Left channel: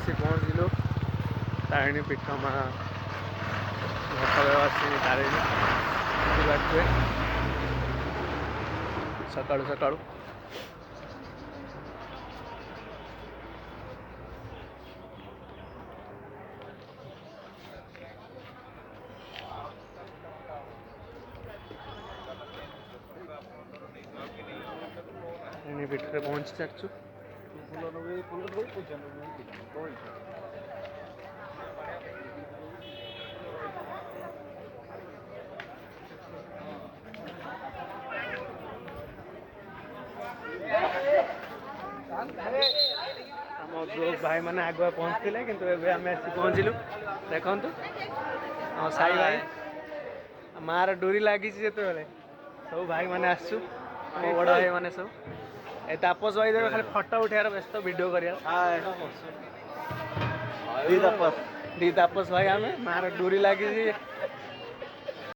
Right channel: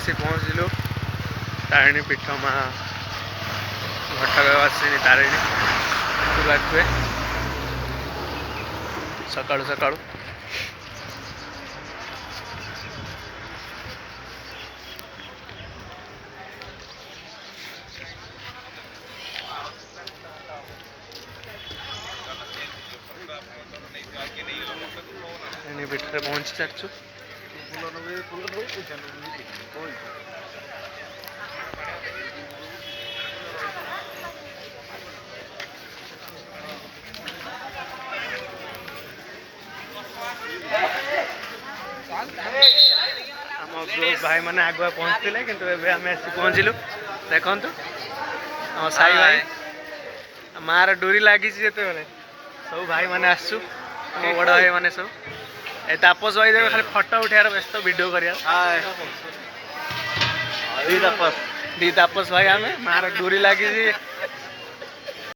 आसी पहुँचलु तारिणी पीठ माँ घटकवासिनी तारिणी पाखे सकाळु सकाळु पीठ में पहुँची सारचु आम ग्रुप भाई मैंने आगुआ पहुँचते कि आम पहुँचलु देखु साई भाई मार डोरी लगी जिते सब भाई मैंने आसु बड़ भाई मैंने सब ए तापस भाई देख खाली फटो उठार व्यस्त वीडियो करिया दी तापस भाई आम मार डोरी लगी